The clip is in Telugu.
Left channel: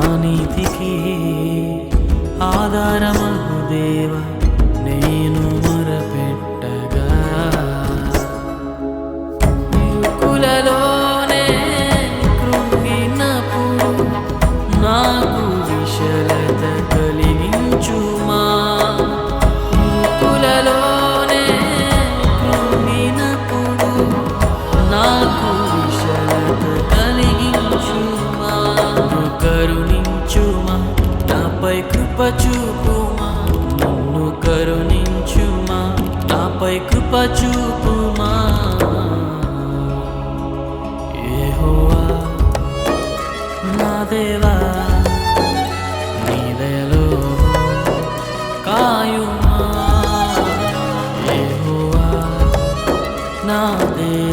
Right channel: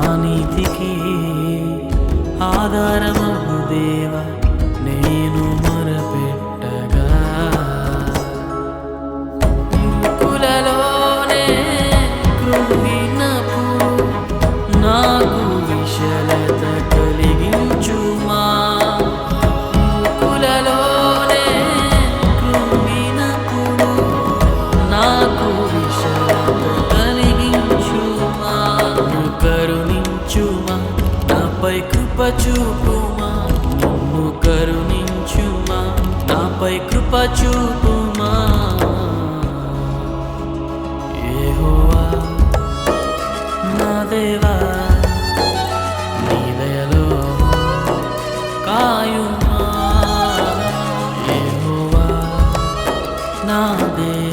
నా నీతికి ఆధారమగు దేవ నేను మొరపెట్టగా ఇరుకులలోనే కృంగినప్పుడు నాకు విశలత కలిగించుమా ఇరుకులలోనే కృంగినప్పుడు నాకు విశలత కలిగించుమా నన్ను కరుణించుమా నాపై కృప చూపుమా నన్ను కరుణించుమా నాపై కృప చూపుమా యెహోవా నా దేవా నీ దయలో కాయుమా యెహోవా నా దేవా